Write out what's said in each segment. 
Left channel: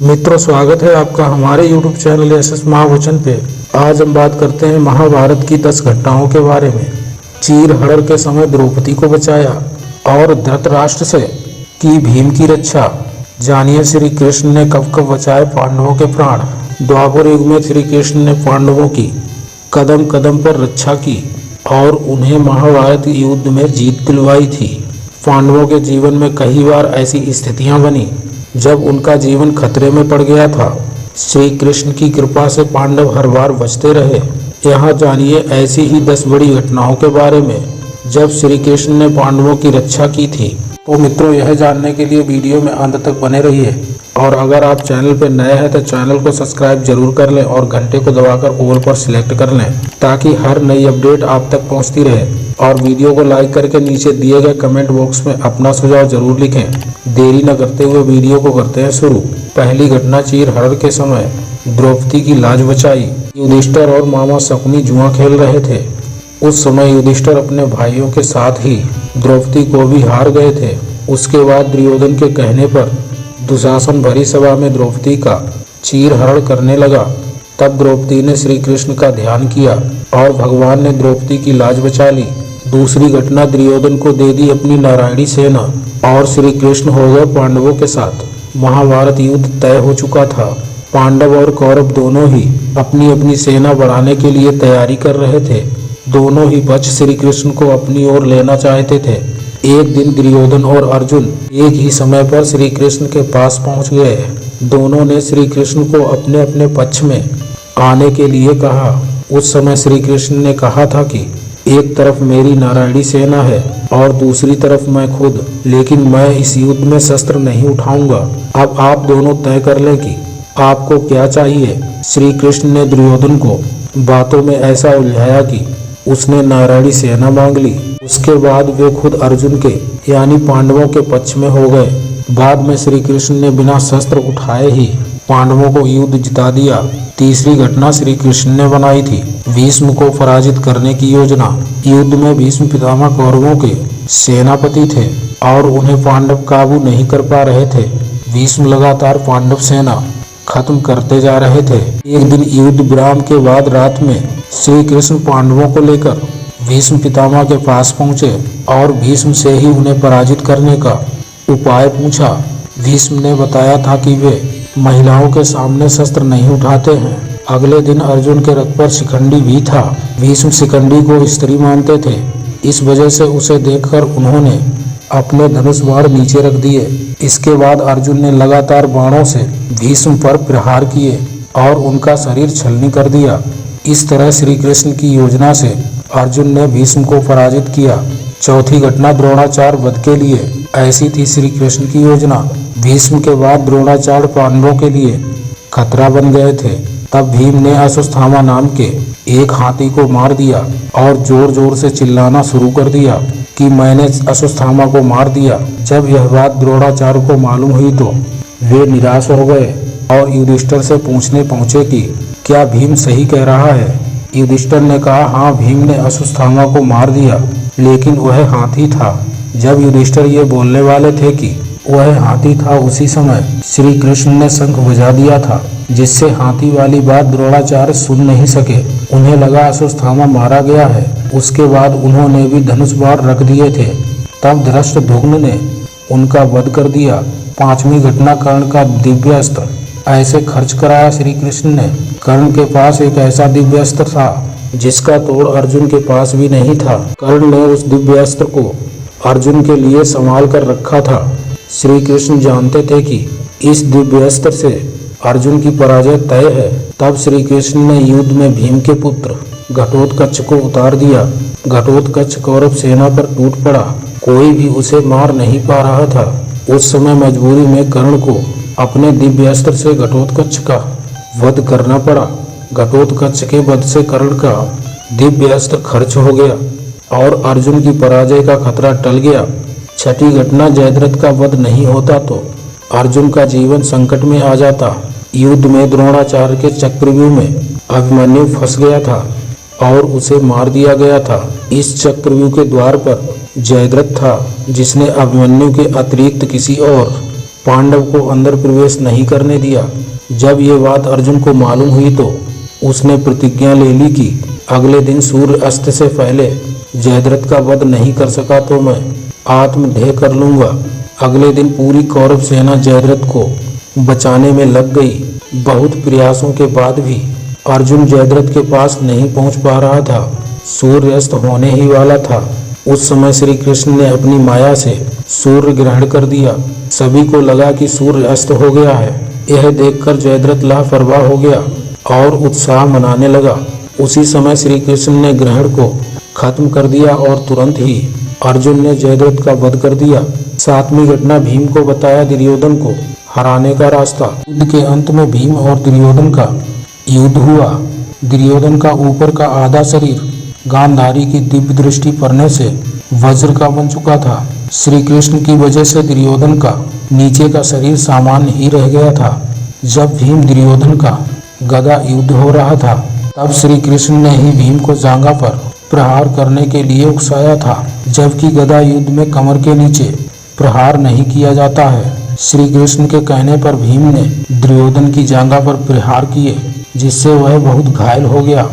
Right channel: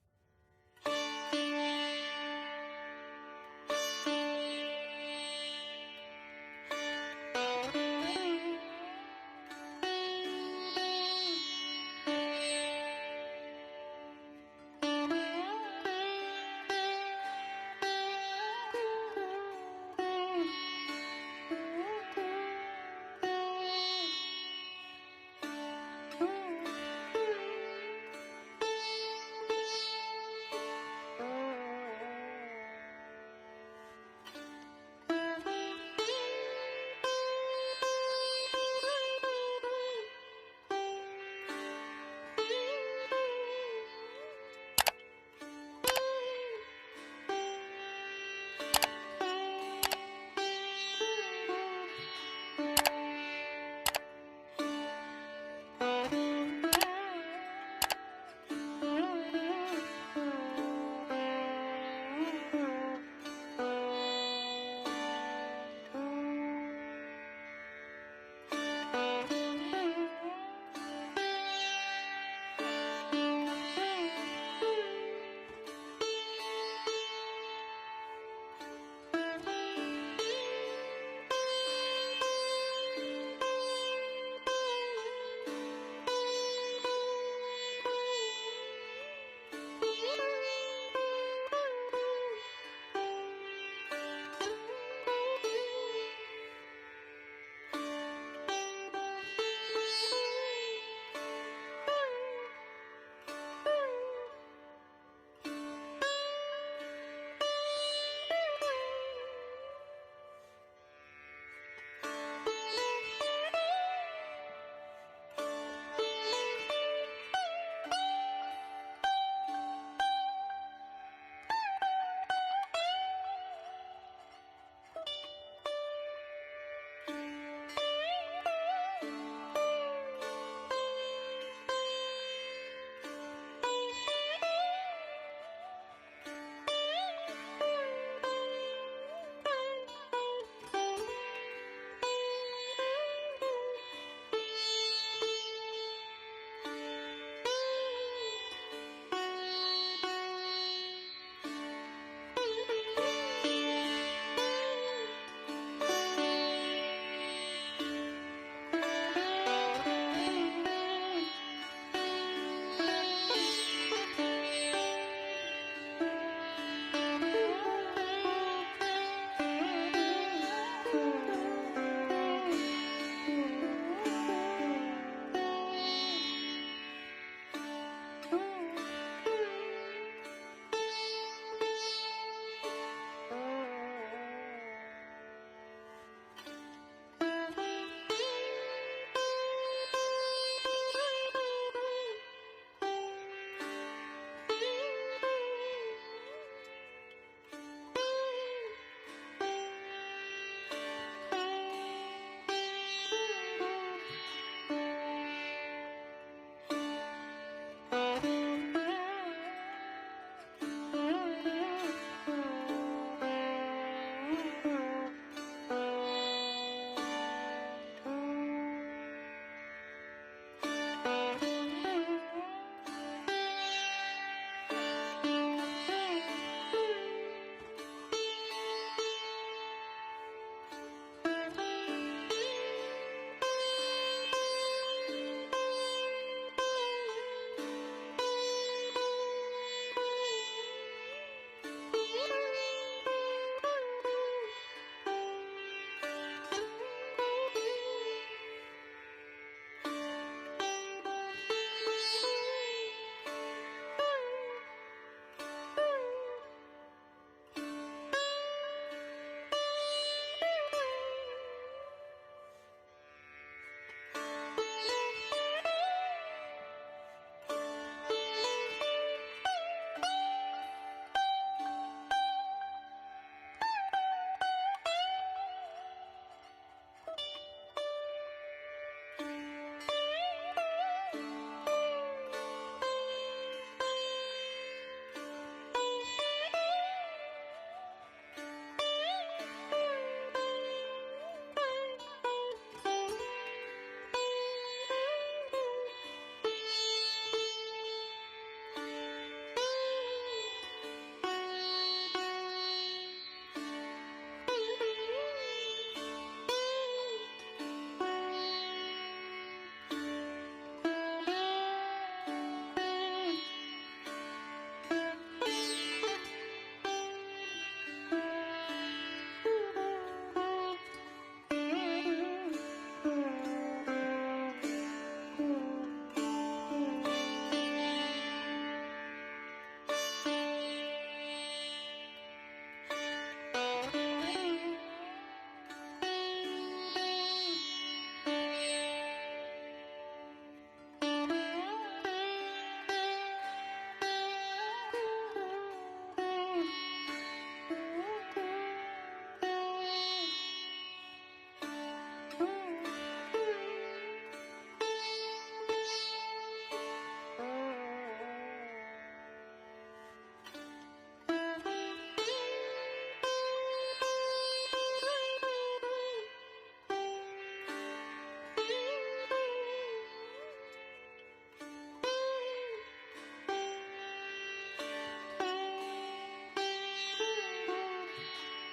मित्रों, स्वागत है आपका हमारे YouTube चैनल एसएस महावचन पे। आज हम बात करते हैं महाभारत की 10 घटनाओं के बारे में। चीर हरण के समय द्रौपदी को बचाया और धृतराष्ट्र से की भीम की रक्षा। जानिए श्री कृष्ण ने कब कब बचाए पांडवों के प्राण। द्वापर युग में श्री कृष्ण ने पांडवों की कदम कदम पर रक्षा की और उन्हें महाभारत युद्ध में जीत दिलवाई थी। पांडवों के जीवन में कई बार ऐसी स्थितियां बनी जब उनका जीवन खतरे में पड़ गया था। श्री कृष्ण की कृपा से पांडव हर बार बचते रहे। यहाँ जानिए ऐसी ही 10 बड़ी घटनाओं के बारे में जब श्री कृष्ण ने पांडवों की रक्षा की थी। तो मित्रों, यह जानने के लिए वीडियो में अंत तक बने रहिए और अगर आप चैनल पर नए हैं तो चैनल को सब्सक्राइब जरूर कर लें और घंटे को दबाकर ऑल पर सिलेक्ट कर लें ताकि हर नई अपडेट आप तक पहुंचती रहे। और वीडियो को लाइक करके नीचे दिए गए कमेंट बॉक्स में अपना सुझाव जरूर लिखें। देरी न करते हुए वीडियो को करते हैं शुरू। पहली घटना, चीर हरण के समय द्रौपदी की लाज बचाई। युधिष्ठिर और मामा शकुनी जुआ खेल रहे थे। उस समय युधिष्ठिर अपने भाइयों के साथ ही द्रौपदी को भी हार गए थे। उसके बाद दुर्योधन के कहने पर दुशासन भरी सभा में द्रौपदी का चीर हरण करने लगा। तब द्रौपदी ने श्री कृष्ण का ध्यान किया और भगवान ने द्रौपदी की लाज बचा ली। दूसरी घटना, दुर्योधन को दे दी अपनी नारायणी सेना और श्री कृष्ण हो गए पांडवों के साथ। महाभारत युद्ध तय हो चुका था। पांडव और कौरव दोनों ही अपनी अपनी सेना बढ़ाने के लिए तैयारी कर रहे थे। दोनों ही पक्ष श्री कृष्ण को अपनी ओर लेना चाहते थे। एक दिन दुर्योधन और अर्जुन एक ही समय पर श्री कृष्ण के पास पहुंच गए। दोनों ने श्री कृष्ण को अपने अपने पक्ष में आने के लिए कहा। उस समय श्री कृष्ण ने कहा था कि एक तरफ मेरी नारायणी सेना है और दूसरी तरफ मैं खुद, लेकिन मैं इस युद्ध में शस्त्र नहीं उठाऊंगा। अब आप दोनों तय कर लें कि आपको क्या चाहिए। श्री कृष्ण ने दुर्योधन को बातों में ऐसा उलझाया कि उसने नारायणी सेना मांग ली। उसके बाद वे खुद अर्जुन के यानी पांडवों के पक्ष में हो गए। बाद में श्री कृष्ण ने बिना शस्त्र उठाए ही पांडवों को युद्ध जिता दिया। तीसरी घटना श्री कृष्ण ने बनाई थी भीष्म को पराजित करने की योजना। युद्ध में भीष्म पितामह कौरवों के सेनापति थे और उन्हें पांडव काबू नहीं कर पा रहे थे। भीष्म लगातार पांडव सेना खत्म करते जा रहे थे। एक दिन युद्ध विराम के बाद रात में श्री कृष्ण पांडवों को लेकर भीष्म पितामह के पास पहुंचे और भीष्म से ही उन्हें पराजित करने का उपाय पूछा। भीष्म ने बताया था कि वे महिलाओं के सामने शस्त्र नहीं उठाते हैं। अगले दिन अर्जुन के रथ पर शिखंडी भी था। भीष्म शिखंडी को स्त्री मानते थे। इस वजह से उसे देखकर उन्होंने अपने धनुष बाण नीचे रख दिए। इसके बाद अर्जुन ने लगातार बाणों से भीष्म पर प्रहार किए और उनका शरीर छलनी कर दिया। इस तरह श्री कृष्ण की योजना से अर्जुन ने भीष्म को पराजित किया। चौथी घटना, द्रोणाचार्य वध के लिए। ऐसी थी श्री कृष्ण की योजना। भीष्म के बाद द्रोणाचार्य पांडवों के लिए खतरा बन गए थे। तब भीम ने अश्वत्थामा नाम के एक हाथी को मार दिया और जोर जोर से चिल्लाना शुरू कर दिया कि मैंने अश्वत्थामा को मार दिया। जब यह बात द्रोणाचार्य को मालूम हुई तो वे निराश हो गए और युधिष्ठिर से पूछने पहुंचे कि क्या भीम सही कह रहा है। युधिष्ठिर ने कहा, हाँ, भीम ने अश्वत्थामा को मार दिया, लेकिन वह हाथी था। जब युधिष्ठिर ये बोलने वाले थे कि वह हाथी था, उसी समय श्री कृष्ण ने शंख बजा दिया था, जिससे हाथी वाली बात द्रोणाचार्य सुन नहीं सके। उन्हें लगा अश्वत्थामा मारा गया है। उसके बाद उन्होंने भी धनुष बाण रख दिए थे। तब धृष्टद्युम्न ने उनका वध कर दिया। पांचवी घटना, कर्ण का दिव्य अस्त्र ऐसे खर्च कराया श्री कृष्ण ने। कर्ण के पास एक ऐसा दिव्य अस्त्र था जिसका तोड़ अर्जुन के पास भी नहीं था। कर्ण ने उस दिव्य अस्त्र को अर्जुन के लिए संभाल कर रखा था। श्री कृष्ण जानते थे कि इस दिव्य अस्त्र से अर्जुन की पराजय तय है। तब श्री कृष्ण ने युद्ध में भीम के पुत्र घटोत्कच को उतार दिया। घटोत्कच कौरव सेना पर टूट पड़ा। कोई भी उसे मार नहीं पा रहा था। उस समय मजबूरी में कर्ण को अपने दिव्य अस्त्र से घटोत्कच का वध करना पड़ा। घटोत्कच के वध से कर्ण का दिव्य अस्त्र खर्च हो गया और अर्जुन की पराजय का खतरा टल गया। छठी घटना, जयद्रथ का वध नहीं होता तो अर्जुन का जीवन संकट में आ जाता। युद्ध में द्रोणाचार्य के चक्रव्यूह में अभिमन्यु फंस गया था और उसे मार दिया गया था। इस चक्रव्यूह के द्वार पर जयद्रथ था, जिसने अभिमन्यु के अतिरिक्त किसी और पांडव को अंदर प्रवेश नहीं करने दिया। जब ये बात अर्जुन को मालूम हुई तो उसने प्रतिज्ञा ले ली कि अगले दिन सूर्य अस्त से पहले जयद्रथ का वध नहीं कर सका तो मैं आत्मदेह कर लूंगा। अगले दिन पूरी कौरव सेना जयद्रथ को बचाने में लग गई। बहुत प्रयासों के बाद भी अर्जुन जयद्रथ के पास नहीं पहुंच पा रहा था। सूर्य अस्त होने ही वाला था। उस समय श्री कृष्ण ने अपनी माया से सूर्य ग्रहण कर दिया। सभी को लगा कि सूर्य अस्त हो गया है। यह देखकर जयद्रथ लापरवाह हो गया और उत्साह मनाने लगा। उसी समय श्री कृष्ण ने ग्रहण को खत्म कर दिया और तुरंत ही अर्जुन ने जयद्रथ का वध कर दिया। सातवीं घटना भीम को बताया दुर्योधन को हराने का रास्ता। युद्ध के अंत में भीम और दुर्योधन का युद्ध हुआ। दुर्योधन का ऊपर का आधा शरीर गांधारी की दिव्य दृष्टि पड़ने से वज्र का बन चुका था। श्री कृष्ण की वजह से दुर्योधन का नीचे का शरीर सामान्य ही रह गया था। जब भीम दुर्योधन का गदा युद्ध हो रहा था तब श्री कृष्ण ने ही भीम को जांघा पर प्रहार करने के लिए उकसाया था, जबकि गदा युद्ध में कमर के नीचे प्रहार नहीं किया जाता है। श्री कृष्ण के कहने पर भीम ने दुर्योधन की जांघा पर प्रहार किए, जिससे वह बहुत घायल हो गया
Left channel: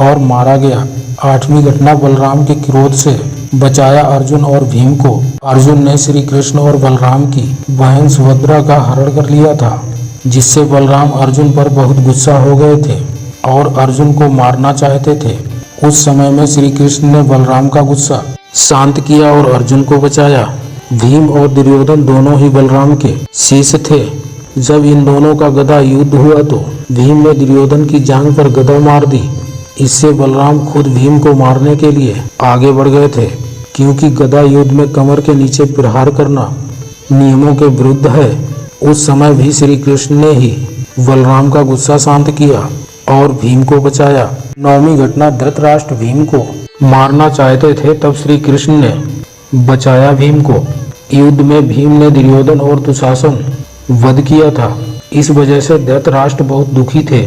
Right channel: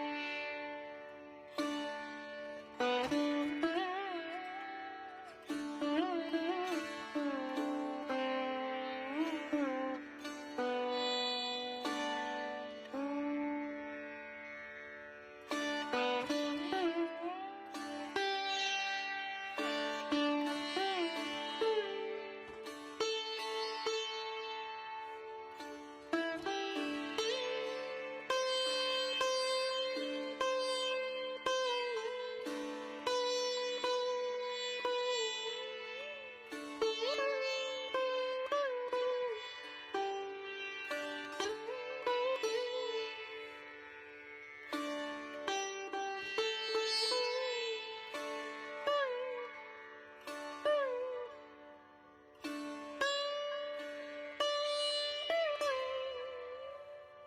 और मारा गया। आठवीं घटना बलराम के क्रोध से बचाया अर्जुन और भीम को। अर्जुन ने श्री कृष्ण और बलराम की बहन सुभद्रा का हरण कर लिया था, जिससे बलराम अर्जुन पर बहुत गुस्सा हो गए थे और अर्जुन को मारना चाहते थे। उस समय में श्री कृष्ण ने बलराम का गुस्सा शांत किया और अर्जुन को बचाया। भीम और दुर्योधन दोनों ही बलराम के शिष्य थे। जब इन दोनों का गदा युद्ध हुआ तो भीम ने दुर्योधन की जांघ पर गदा मार दी। इससे बलराम खुद भीम को मारने के लिए आगे बढ़ गए थे, क्योंकि गदा युद्ध में कमर के नीचे प्रहार करना नियमों के विरुद्ध है। उस समय भी श्री कृष्ण ने ही बलराम का गुस्सा शांत किया और भीम को बचाया। नौवीं घटना धृतराष्ट्र भीम को मारना चाहते थे, तब श्री कृष्ण ने बचाया भीम को। युद्ध में भीम ने दुर्योधन और दुशासन वध किया था। इस वजह से धृतराष्ट्र बहुत दुखी थे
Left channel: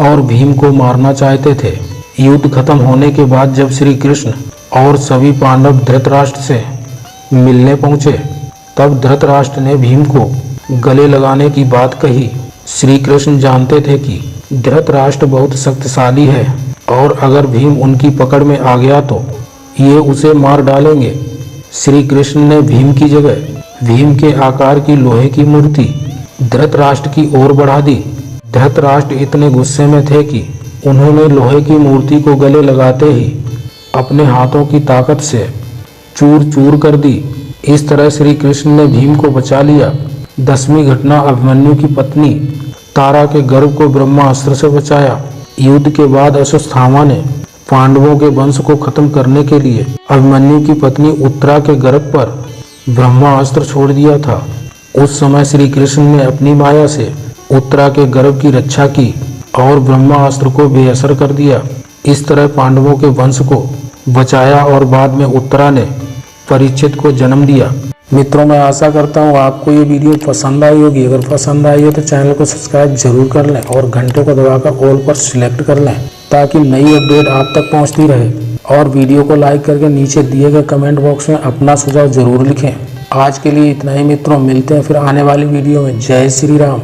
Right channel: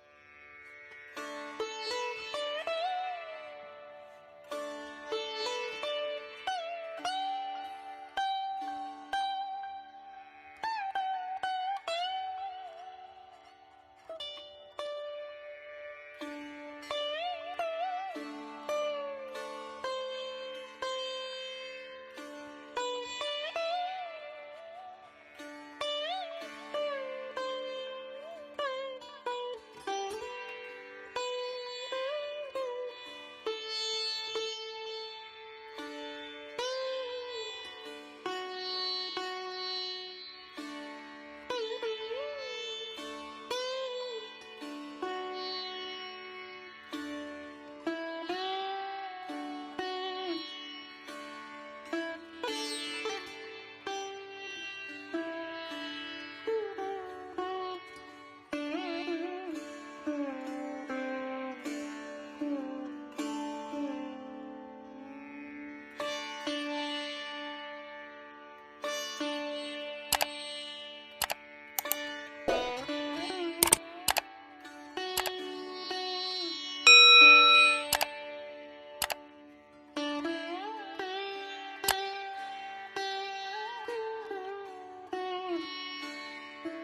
और भीम को मारना चाहते थे। युद्ध खत्म होने के बाद जब श्री कृष्ण और सभी पांडव धृतराष्ट्र से मिलने पहुंचे तब धृतराष्ट्र ने भीम को गले लगाने की बात कही। श्री कृष्ण जानते थे कि धृतराष्ट्र बहुत शक्तिशाली है और अगर भीम उनकी पकड़ में आ गया तो ये उसे मार डालेंगे। श्री कृष्ण ने भीम की जगह भीम के आकार की लोहे की मूर्ति धृतराष्ट्र की ओर बढ़ा दी। धृतराष्ट्र इतने गुस्से में थे कि उन्होंने लोहे की मूर्ति को गले लगाते ही अपने हाथों की ताकत से चूर चूर कर दी। इस तरह श्री कृष्ण ने भीम को बचा लिया। 10वीं घटना अभिमन्यु की पत्नी तारा के गर्भ को ब्रह्मास्त्र से बचाया। युद्ध के बाद अश्वत्थामा ने पांडवों के वंश को खत्म करने के लिए अभिमन्यु की पत्नी उत्तरा के गर्भ पर ब्रह्मास्त्र छोड़ दिया था। उस समय श्री कृष्ण ने अपनी माया से उत्तरा के गर्भ की रक्षा की और ब्रह्मास्त्र को बेअसर कर दिया। इस तरह पांडवों के वंश को बचाया और बाद में उत्तरा ने परीक्षित को जन्म दिया। मित्रों, मैं आशा करता हूँ आपको ये वीडियो पसंद आई होगी। अगर पसंद आई हो तो चैनल को सब्सक्राइब जरूर कर लें और घंटे को दबाकर ऑल पर सिलेक्ट कर लें, ताकि नई अपडेट आप तक पहुँचती रहे। और वीडियो को लाइक करके नीचे दिए गए कमेंट बॉक्स में अपना सुझाव जरूर लिखें। आज के लिए इतना ही मित्रों, मिलते हैं फिर आने वाली वीडियो में। जय श्री राम।